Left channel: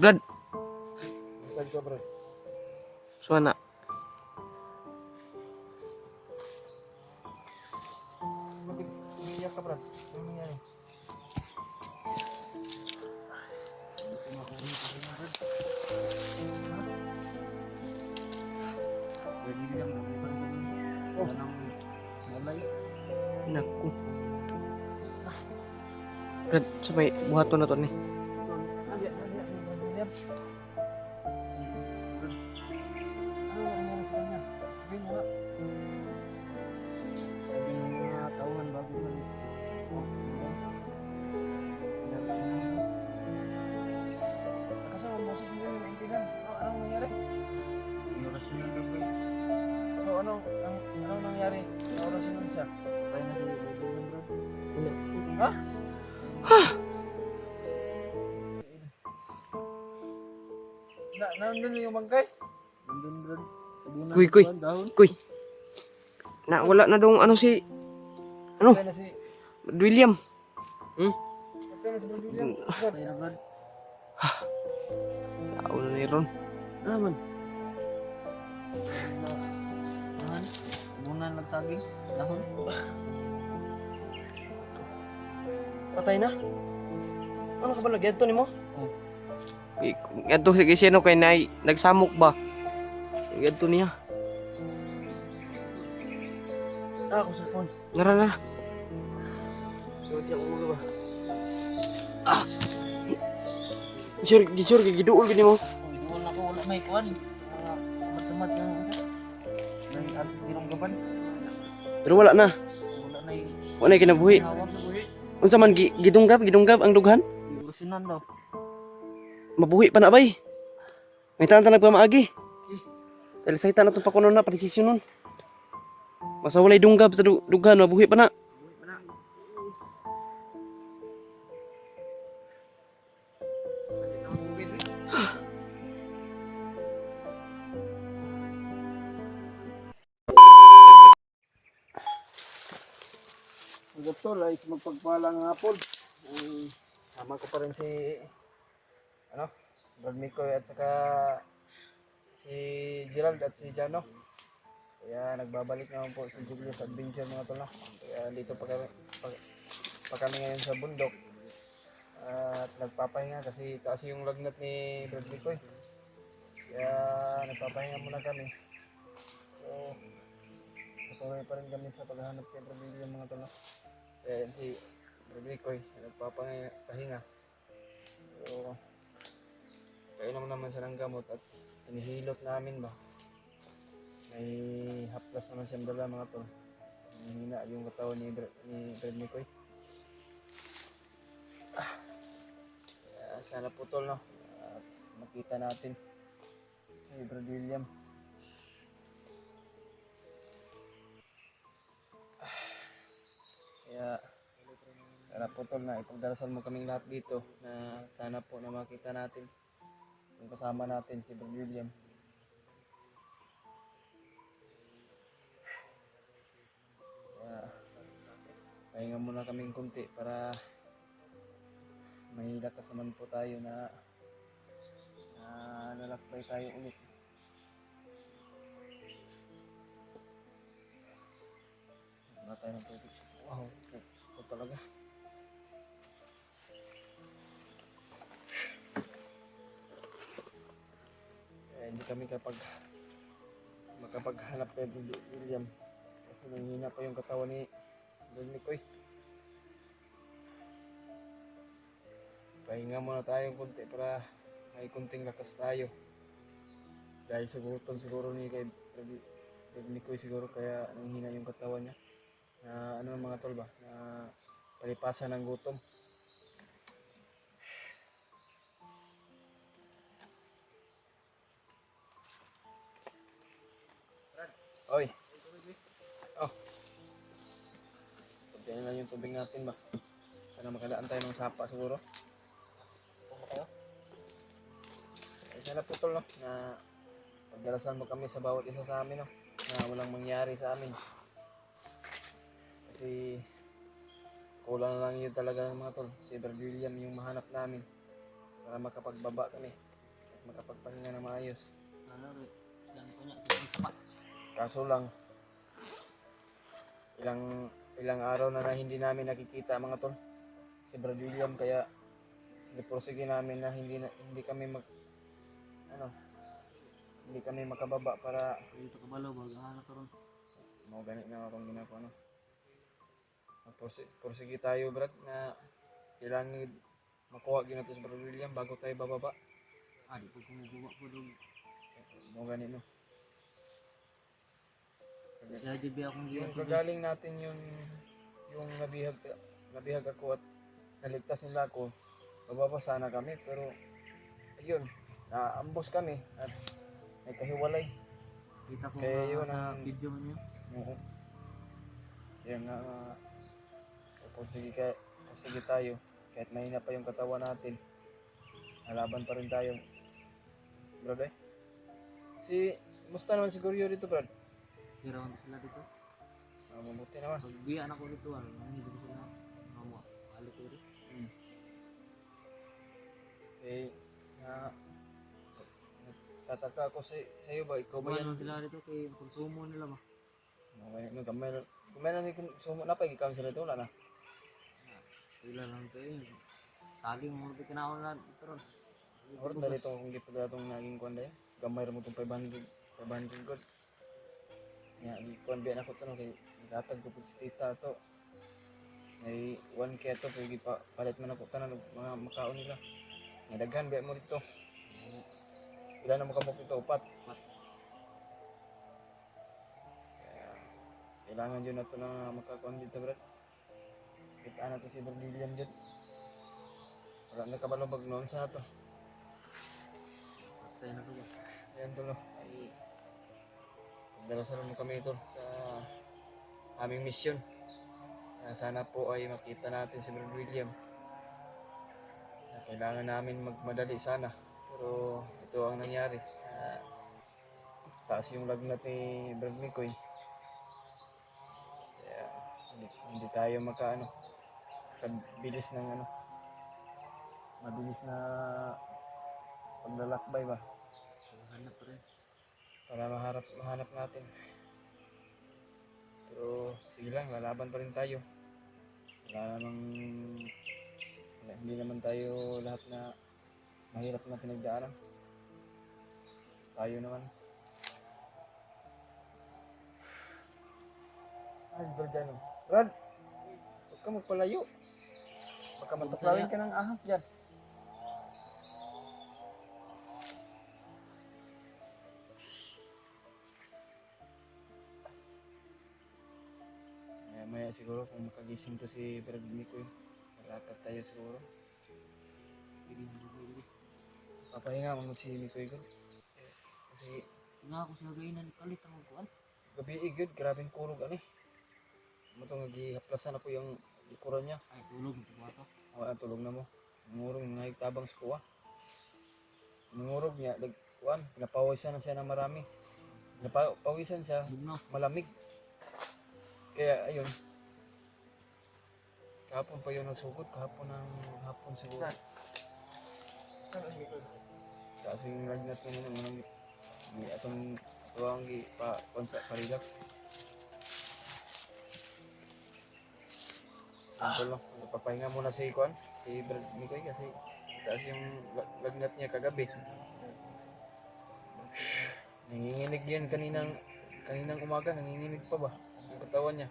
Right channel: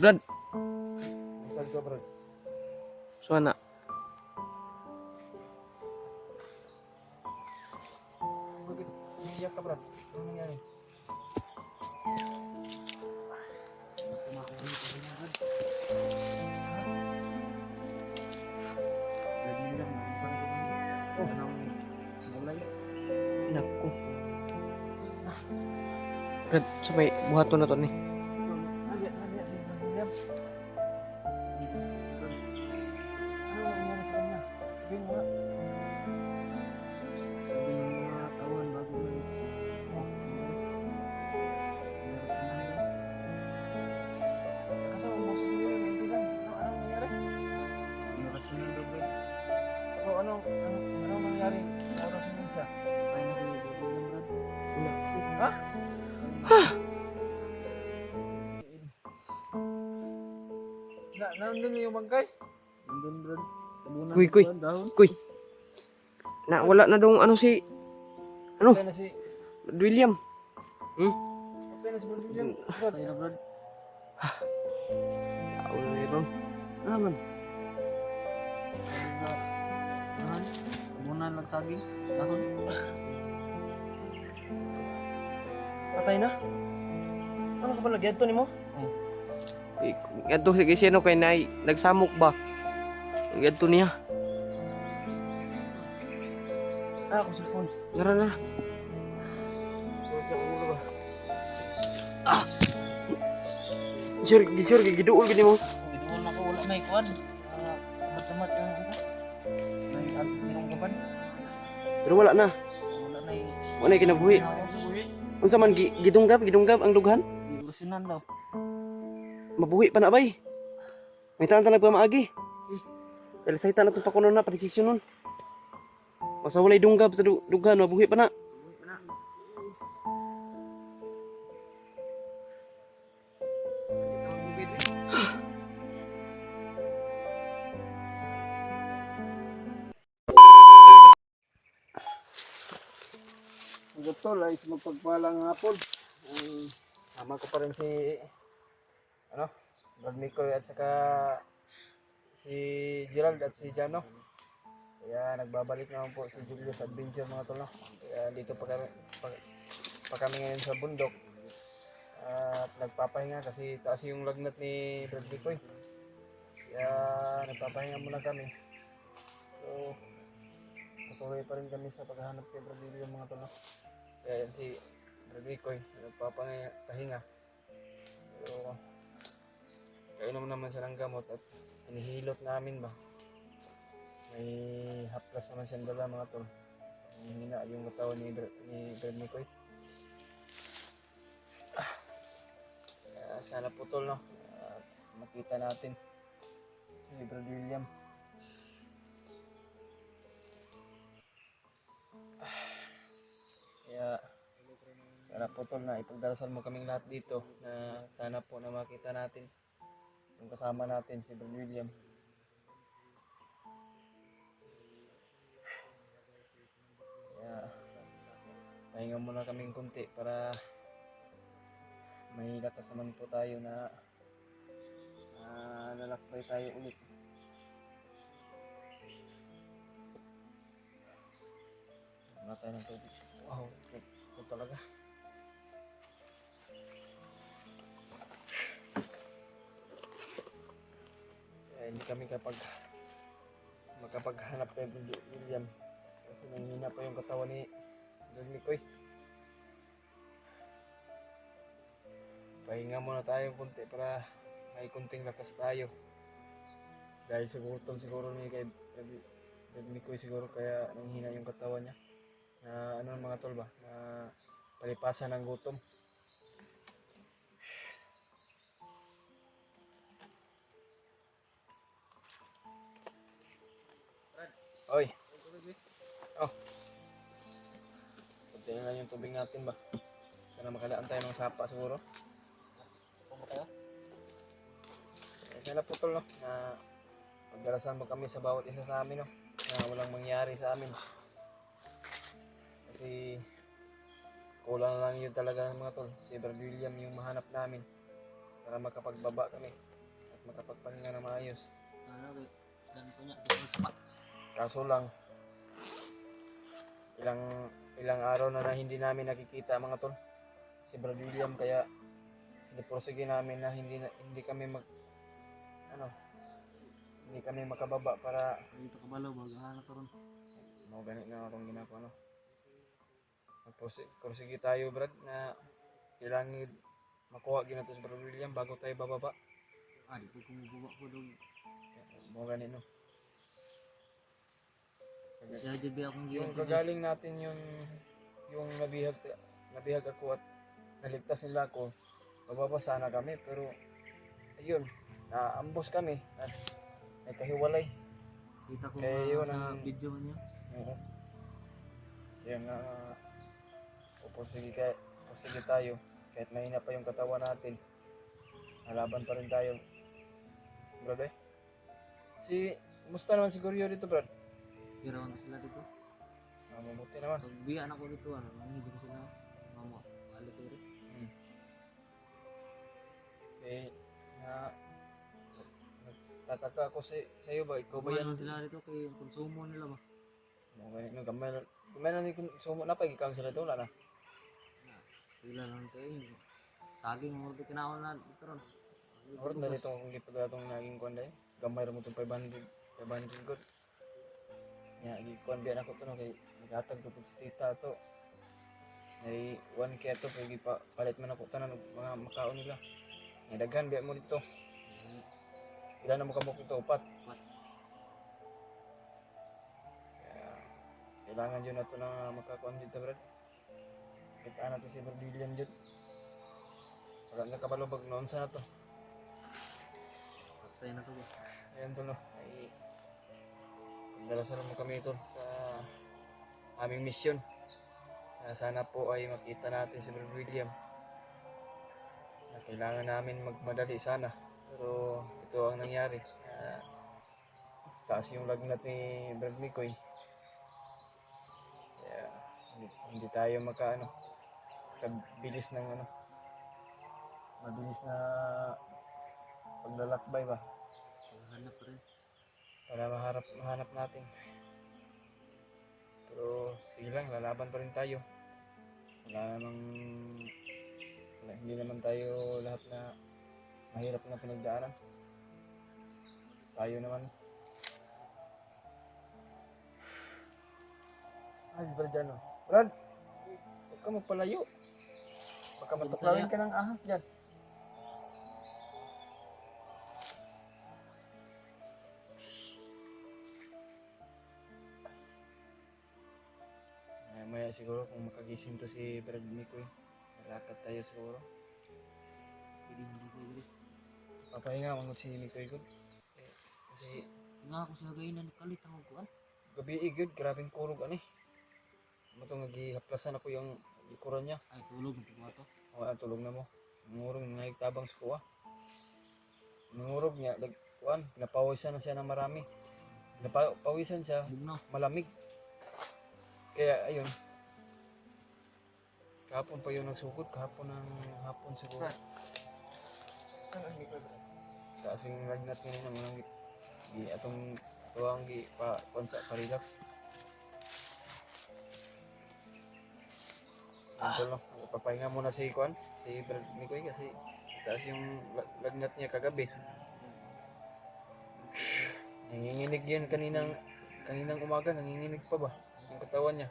Brad, Brad ko, Brad. suana. Bakit umiiyak ka, Brad? Ano nangyari? Gusto mo ako umiiyak na, Brad? Ha? Jadi lang, namutan ko lang. Wala nang malay. Naku. Brad, sabay buhaton na to ni. Naliyak si William. Brad, ano nangyari sa kanya? Sabihin mo nga. Sabi ng mga tauhan bago umalis. Oh, William. Nangyari sa kanya. Kasama mo si William, naintindihan. Anong nangyari? Inorasyonan daw, Brad. So, anong nangyari? Inorasyonan siya. Patay na si William, Brad. Ha? Nandun yung bangkay? Nandun, Brad. Tabunan Kuy, na kuy. kuwan, dahon. Kuy. Na wala na dong ano si ano? Patay na si William. Patay na si William. Patay na, Brad. Tao na ni Ron. Naman. Naman. Tabunan lang saging. Dahon. Patay na? Ano ka ba lagyan to ni mo? Adto sige sino kay nay nagsamok ba? Adto niya. Ako cellphone. Nara na. Wala dyan ang ulo ba? Sure giduol gini mo. Doon ako wala may kuwan. Samat-samat na ito. May antirong gaban. Pero wala na. Wala na yung Wala na kinabuhi. hawak na buhi. Unsa man gidunggab ang dughan? Ilusunan daw. Mabuhi pa na bay. May tanan nagpamaagi. Dahil sa hitan atong pakuno na presisyon nun. Masa walay dunggab sa dughan mabuhi pa na. Doktor, ay magpagpalang hapon. Sama ko pa rin si Brad Mikoy at saka si Gerald at si Jano. Kaya nagbabalik naman po si Julius Adventure mga tolo. Kaya dito pa kami ngayon sa bundok. At nagpapahinga kasi taas yung lagnat ni Brad Mikoy. Kaya nagpapahinga muna kami. So, patuloy pa rin kami sa paghahanap kay Brad Mikoy mga tolo. Kaya yan si Brad Mikoy nagpapahinga. So, kainom naman siya ng gamot at inihilot namin ba. May haplas naman siyang dala mga tol. Hina yung katawan ni Brad Mikoy. Sana putol no. At makita natin si Brad William. Kaya sana putol na ipagdarasal mo kaming lahat dito na sana po na makita natin yung kasama natin si Brad William. Kaya pahinga muna kaming kunti para may lakas naman po tayo na lalakbay tayo ulit. Wala tayo ng tubig. Oh, okay. Ito talaga. Hindi kami makapaghanap kay William kasi nanghina pa yung katawan ni Brad Mikoy. Pahinga muna tayo kunti para may kunting lakas tayo dahil siguro ni kay Brad Mikoy siguro kaya nanghina yung katawan niya na mga tol ba na palipasan ng gutom. Oy. Oh. Kunti na lang yung tubig natin ba. Sana makalaan tayo ng sapa siguro. Pumpa tayo. Sana putol no. Na nagdarasan mo kami sa bawat isa sa amin no. Na walang mangyari sa amin. Kasi kulang lang yun talaga ng mga tol. Si Brad William yung mahanap namin. para makapagbaba kami at makapagpahinga na maayos. Ano ba? Dan ko niya kasi sa Kaso lang, ilang araw na hindi namin nakikita mga tol. Si Brad William kaya napursige namin na hindi kami hindi kami makababa para dito kabalo bago hanap karon. mga ganit na akong ginagawa no. Pursige tayo Brad na kailangan makuha ginato sa Brad William bago tayo bababa. Di ko kumubuwa ko dog. Mga ganit no. Kaya di ba akong Yung giyan. kagaling natin yung nabihag ako at naligtas nila ako, bababa sana kami pero ayun, naambos kami at may kahiwalay. Kita ko Kaya yun sa ang- video man niya. Oo. Yan nga, pursige tayo kahit mahina pa yung katawan natin. Nalaban pa rin tayo. Brad eh. Musta naman si Goryo dito Brad? Hirawan na sila dito. Mabuti naman. Pag biyan ako dito, nanginig ko sila. Mamo, balik ko rin. Eh, nagtataka ako sa iyo ba? Ikaw ba Kumain yan? lang sila dito kay konsumo nila ba? Gamay na ni sumo na pag ikaw sila ito na. Sila lang kayo. Saging mo dito kinahon na dito ron. Murad na nito kung di pa gatong naging kuan dai. Gamay ra mo tong 500 good. Nya gi kuan biyan ako kuno kay naghatag ko pud si tita to. Ay 1K to pag pa palit man ako tanan mga makaon nila. Nga daghan biya mo dito. Ilan na makabok ito? 4. Kailangan dyan na ito na makakuan dito brad. Kita na ito si Brad William dyan. Wala na kabalabag noon sa na ito. Patay na to ba? Ayan tulo. Ay dalasan naman kami ito sa aming mission. Sana po ay makita natin si Brad William. Kailangan namin magmadali sana. Pero ito ang nangyari. Taas yung lagnat ni Brad Mikoy. Kaya hindi tayo mabilis ng mabilis na paglalakbay ba Hanap rin. para mahanap natin. Pero sige lang, lalaban pa rin tayo. Hindi naman tayo lahat na mahirap na pinagdaanan. Tayo naman. Ay, Brad dyan o. Brad! Huwag ka magpalayo. Baka matuklawin ka ng ahas dyan. Maya siguro kung makagising to si Brad Mikoy. Nalakad tayo siguro. Gili. Papahinga mo si Mikoy good. Kasi Nga ako sa gainan kalit ang kuan. gabi good, grabing kurog ani. Mo to nagihaplasan ako yung likuran niya. Ay tulog mo ba to? Tulog na mo. Nangurog nga tabang sa kuha. Nangurog niya, napawisan na siya ng marami. Napawisan siya, Bugno. malamig. Kaya ayun. Kahapon pa yun nagsukot, kahapon ng hapon siguro. Kasi yung lagnat mo nila, atong tuwang pa relax. Sample no, pagpahinga muna si Kwan, si Brad Mikoy kasi taas yung lagnat niya kagabi. Nanginginig yan kaninang umaga, nanginginig pa ba ang katawan niya.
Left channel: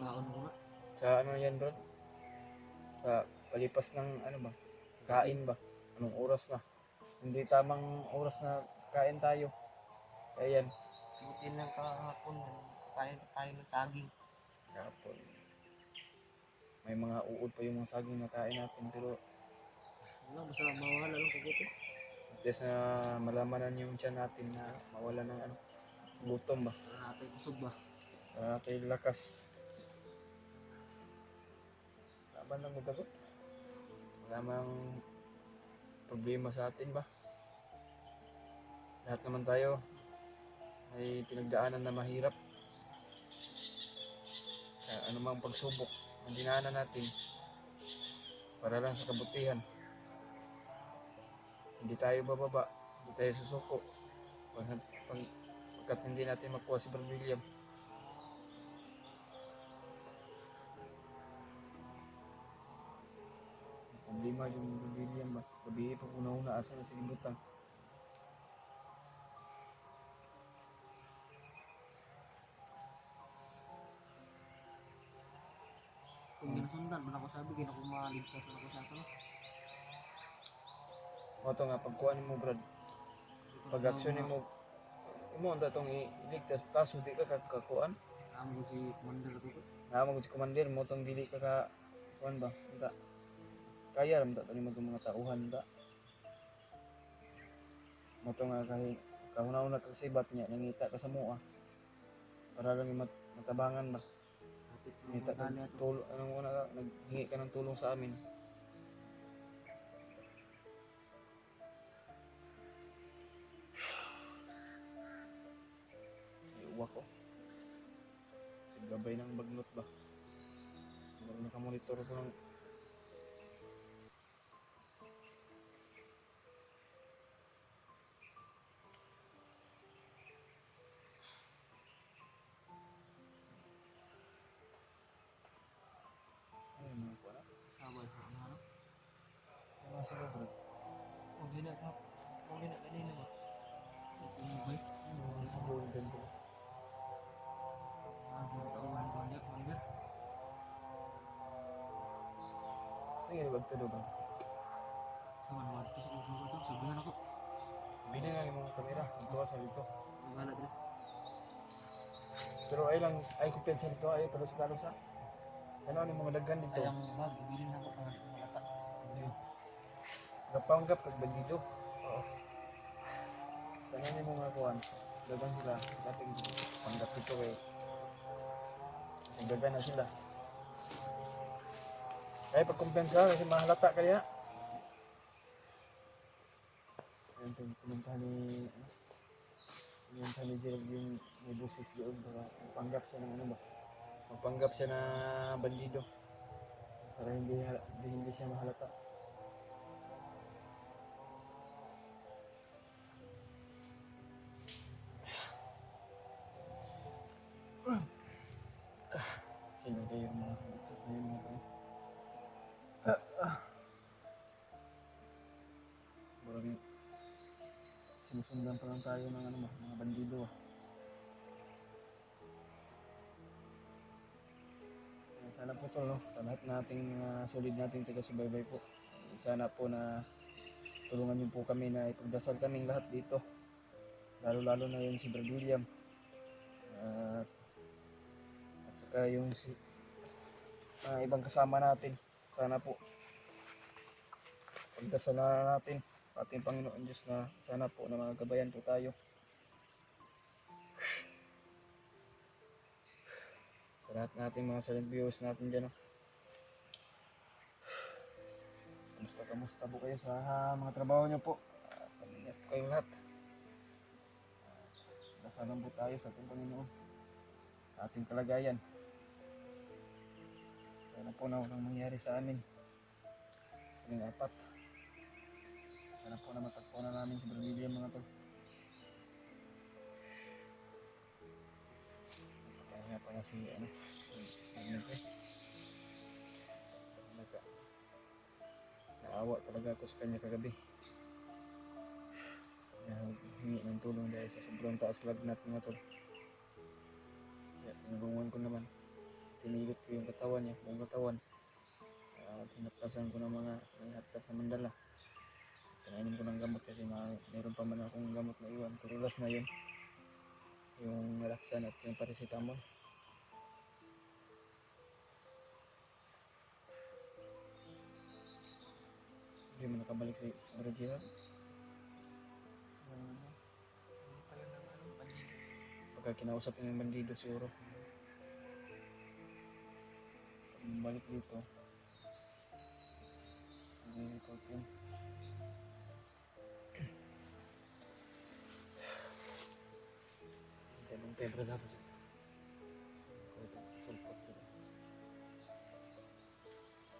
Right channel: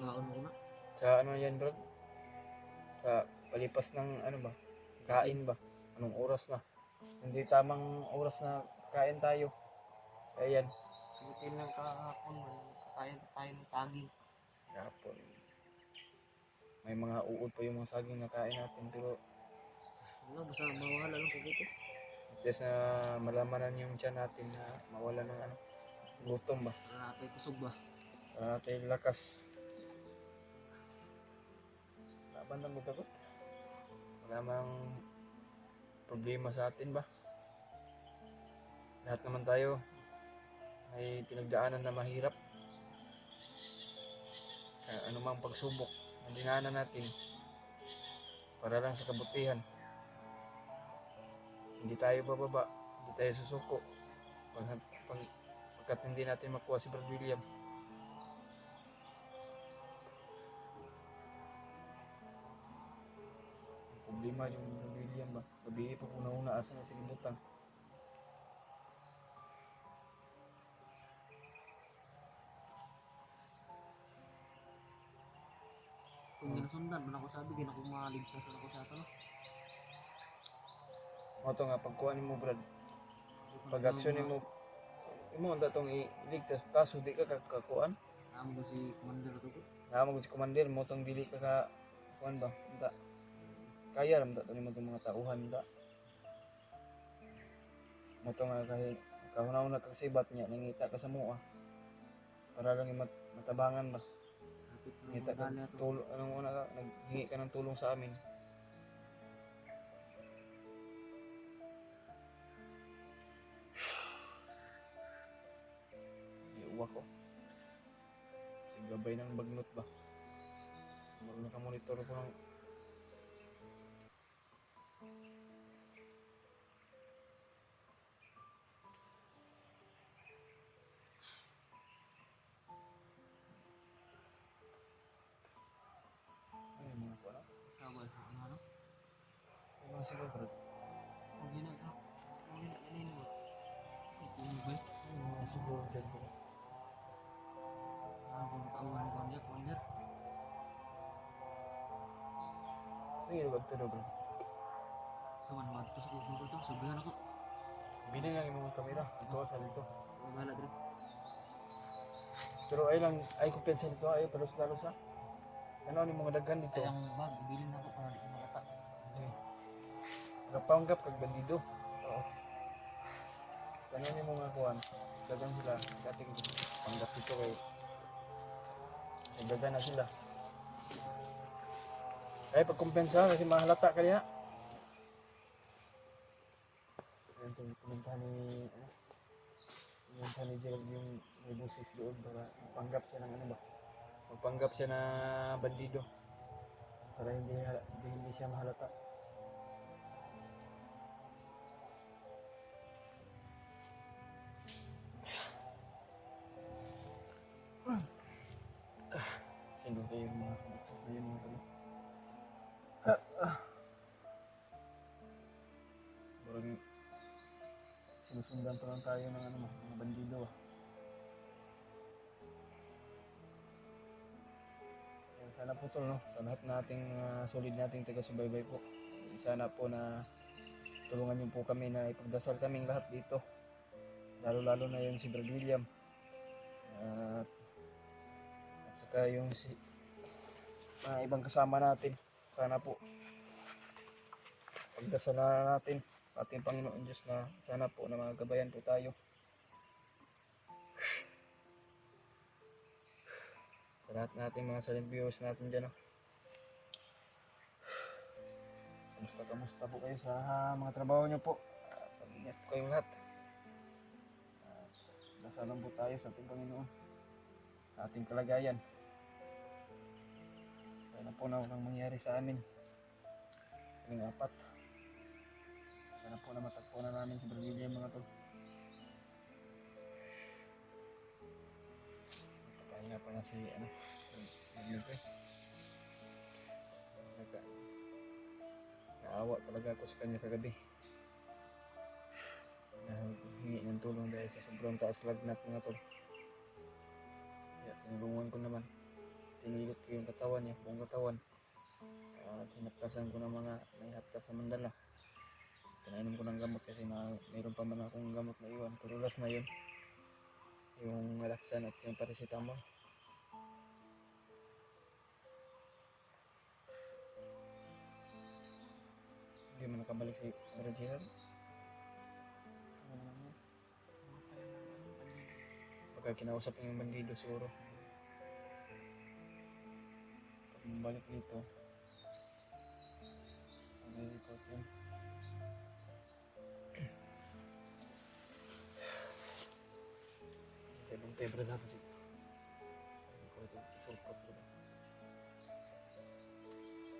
Kaon ko na. Sa ano yan Brad? Sa palipas ng ano ba? Kain ba? Anong oras na? Hindi tamang oras na kain tayo. Kaya yan. Buti lang kahapon. Kain ng saging. Kahapon. May mga uod pa yung mga saging na kain natin pero Wala, basta mawala lang kagito. just na malamanan yung tiyan natin na nawala ng gutom ba. Para natin kusog ba? Para natin lakas. Laban lang magkabot. Wala mang problema sa atin ba. Lahat naman tayo ay pinagdaanan na mahirap. Kaya ano mang pagsubok na dinaanan natin, para lang sa kabutihan. Hindi tayo bababa, hindi tayo susuko. Pagkat hindi natin makuha si Brad William. Ang problema yung Brad William ba? Gabi pag una-una asa sa gibutan. Kung ginasundan, man ako sabi, ginakumaligtas na ako sa ato. O ito nga, pagkuhanin mo Brad, pag aksyonin mo, imo ang datong iligtas, kaso di ka kakuan. Amo ko si Commander ko. Naman ko si Commander mo tong dili ka ka kuan ba? Da. Kaya ram da tani mo tong mga tauhan da. Mo to nga kahit kahuna-una kag sibat niya nangita ka sa mua. Para lang matabangan ba. Kapit na Ngita ka medalya to. tulong ano una ka naghingi ka ng tulong sa amin. Iuwa ko. Gabay ng bagnot ba? Bago nakamonitor ko ng ano yung mga ka? Sabay sa ano. Yung mga siguro Hindi na ka. Hindi na kanina ba? Ito yung ba? mga siguro dyan bro. Ang tauhan ni Commander, Commander. Sige, wag ka doon. Sa man, wadto sa kusog to. Sabihan ako. Bili lang yung mga kamera. Ito sa dito. Ang bahala dre. Pero ay lang, ay kumpensa dito. Ay palos-palos ha. Ano yung mga daghan dito? Kayang bag, ibili na ako para di malata. Hindi. Gapanggap kag bandido. Oo. Ganun yung mga kuhan. Dagan sila. Dating tanggap dito kay nagdagan na sila. Ay pagkumpensa kasi mahalata ka niya. Yan itong pinunta ni pinunta ni Gerald yung may busis doon para mapanggap siya ng ano ba? Mapanggap siya na bandido para hindi siya mahalata. Sino kayo yung mga bukas na yung mga tayo? Parang sinusundan pa lang tayo ng ano, mga bandido ah. Sana po to, no? Sa lahat nating solid nating taga-subaybay po. Sana po na tulungan niyo po kami na ipagdasal kaming lahat dito. Lalo-lalo na yung si Brad William. At saka yung si mga ibang kasama natin. Sana po pagdasal na natin ating Panginoon Diyos na sana po na magabayan po tayo. Sa lahat natin mga silent viewers natin dyan. Kamusta po kayo sa mga trabaho nyo po? Pag-ingat po kayong lahat. Dasalan po tayo sa ating Panginoon. Sa ating kalagayan. Kaya na po na walang mangyari sa amin. Kaming apat. Sana po na matagpo na namin si Brad William mga to. Kaya nga pa na si naawa talaga ako sa kanya kagabi. Hingi ng tulong dahil sa sobrang taas lagnat mga to. Kaya tinulungan ko naman. Tinilot ko yung katawan niya, buong katawan. Hinapkasan ko ng mga hapkas na mandala. Pinainom ko ng gamot kasi mayroon pa man akong gamot na iwan. Pero last na yun. Yung Relaxan at yung paracetamol. Hindi mo nakabalik si Rajihan. Baka kinausap yung bandido siguro. Balik dito. Dito po. Ang tebra na pa si sulpat ko na.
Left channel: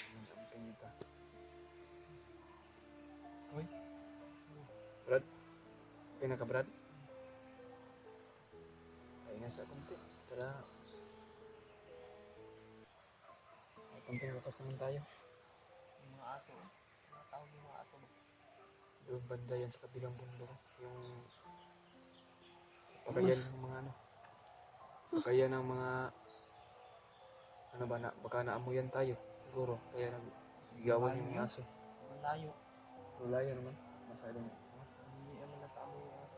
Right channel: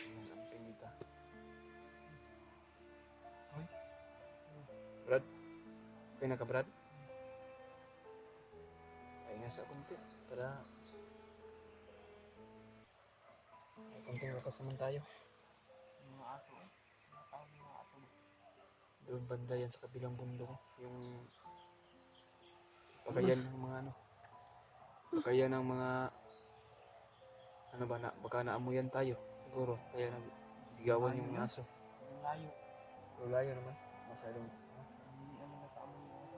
Ang camping dito. Brad? Okay na ka, Brad? Ay nga sa kunti. Para kunting lakas naman tayo. Mga aso. Mga tawag yung mga aso. Doon banda yan sa kabilang bundok. Yung pagayan ng mga ano. Pagayan ng mga ano ba na, baka naamuyan tayo. Siguro. Kaya nagsigawan yung aso. Ang layo. Wala yan naman. Masyadong Hindi ano nakaamoy yung aso.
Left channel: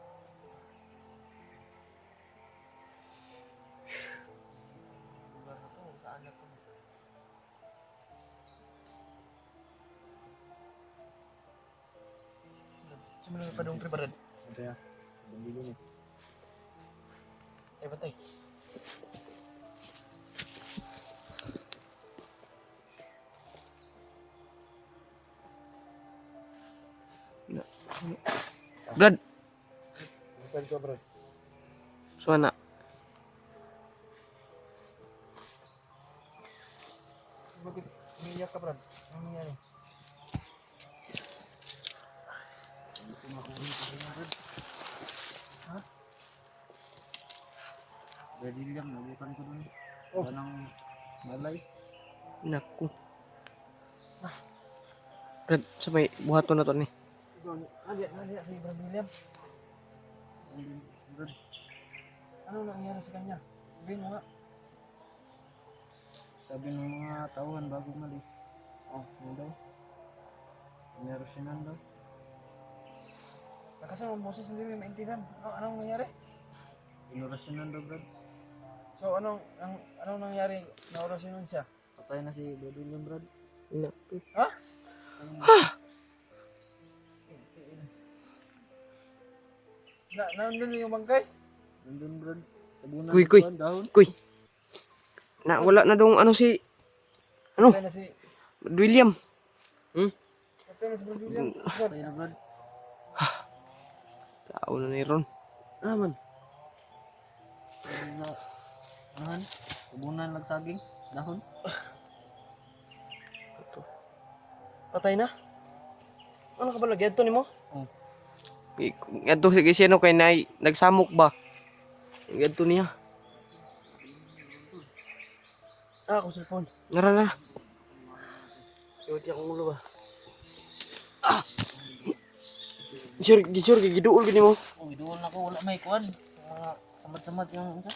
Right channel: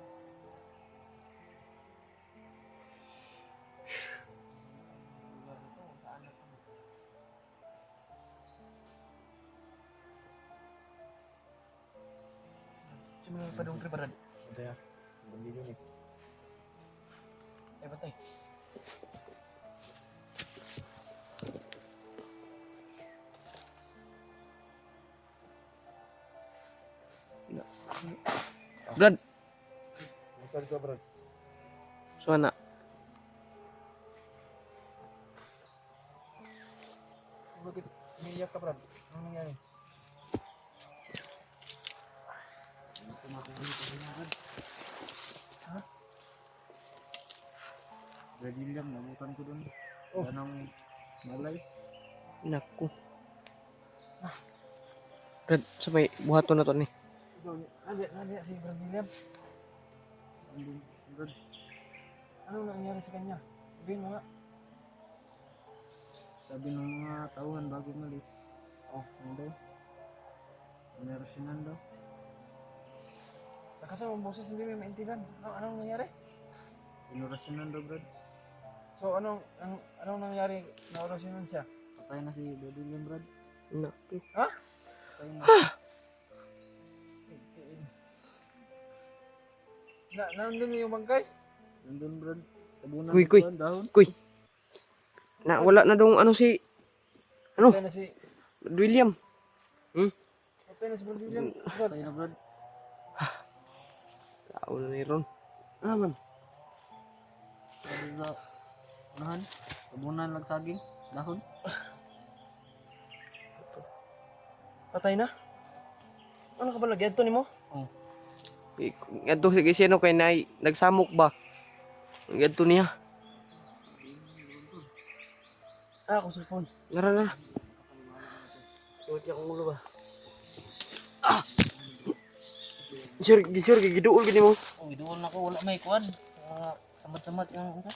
Lugar na to, kung saan na to. Sino may padong pre Brad? ito yan. Hindi din eh. Ay batay. Brad, Basta ka, Brad. so na. Bakit umiiyak ka, Brad? Ano nangyari? Brady lang, nabutan ko dun. Oh. Wala nang malay. Naku. Brad, sa may buhaton na to ni. Naliya si Brad William. Andun, Brad. Ano nangyari sa kanya? Sabihin mo nga. Sabi ng mga tauhan bago malis. Oh, ano daw? Inerosyonan daw. Nakasama ang boses, hindi mo maintindihan. Anong nangyari? Inerosyonan daw, Brad. So anong nangyari na orasyonan siya? Patay na si Brady William, Brad. Naku. Patay na. Nandun yung bangkay? Nandun, Brad. Tabunan Kuy, ng kuy. kuwan, dahon. Kuy. Na wala na dong ano si ano? Patay na si William. Brad William. Brad. Patay na, Brad. Tao na ni Ron. Aman. Sabi na, anuhan? Tabunan lang saging, dahon. Patay na? Ano ka ba lagi? Ito ni mo? Adto sige sino kay nay nagsamok ba? Adto niya. Ako cellphone. Nara na. Iwati akong ulo ba? Sure giduol gini mo. Uy, doon ako, wala may kuwan. Samad-samad yung ano.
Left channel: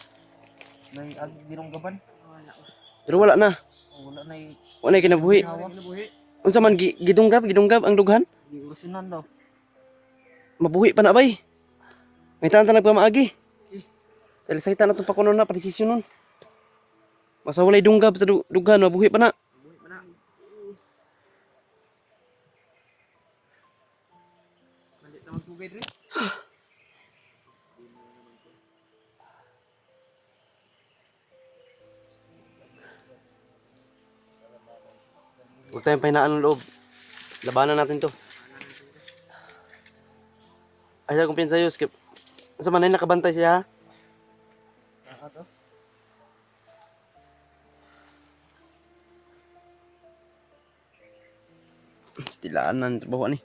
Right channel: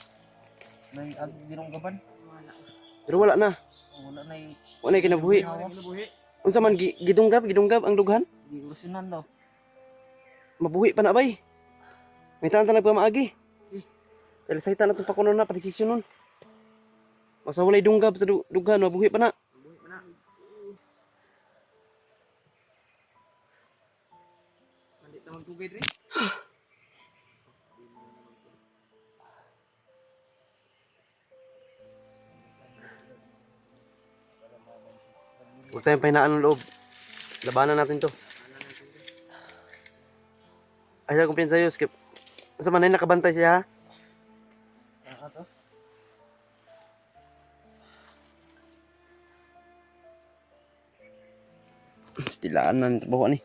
May agdirong gaban. Pero wala na. Wala na yung Wala na kinabuhi. hawa. Unsa man gidunggab ang dughan? Di urusyonan daw. Mabuhi pa na bay. May tanan nagpamaagi. Dahil sa hitan natong pakuno na padesisyon nun. Masa walay dunggab sa dughan mabuhi pa na. Malit naman tubig rin. Huwag tayong pahinaan ng loob. Labanan natin to. Ay, sa kumpiyan sa'yo, Skip. Sa manay nakabantay siya, ha? Stilaan na ng trabaho ni.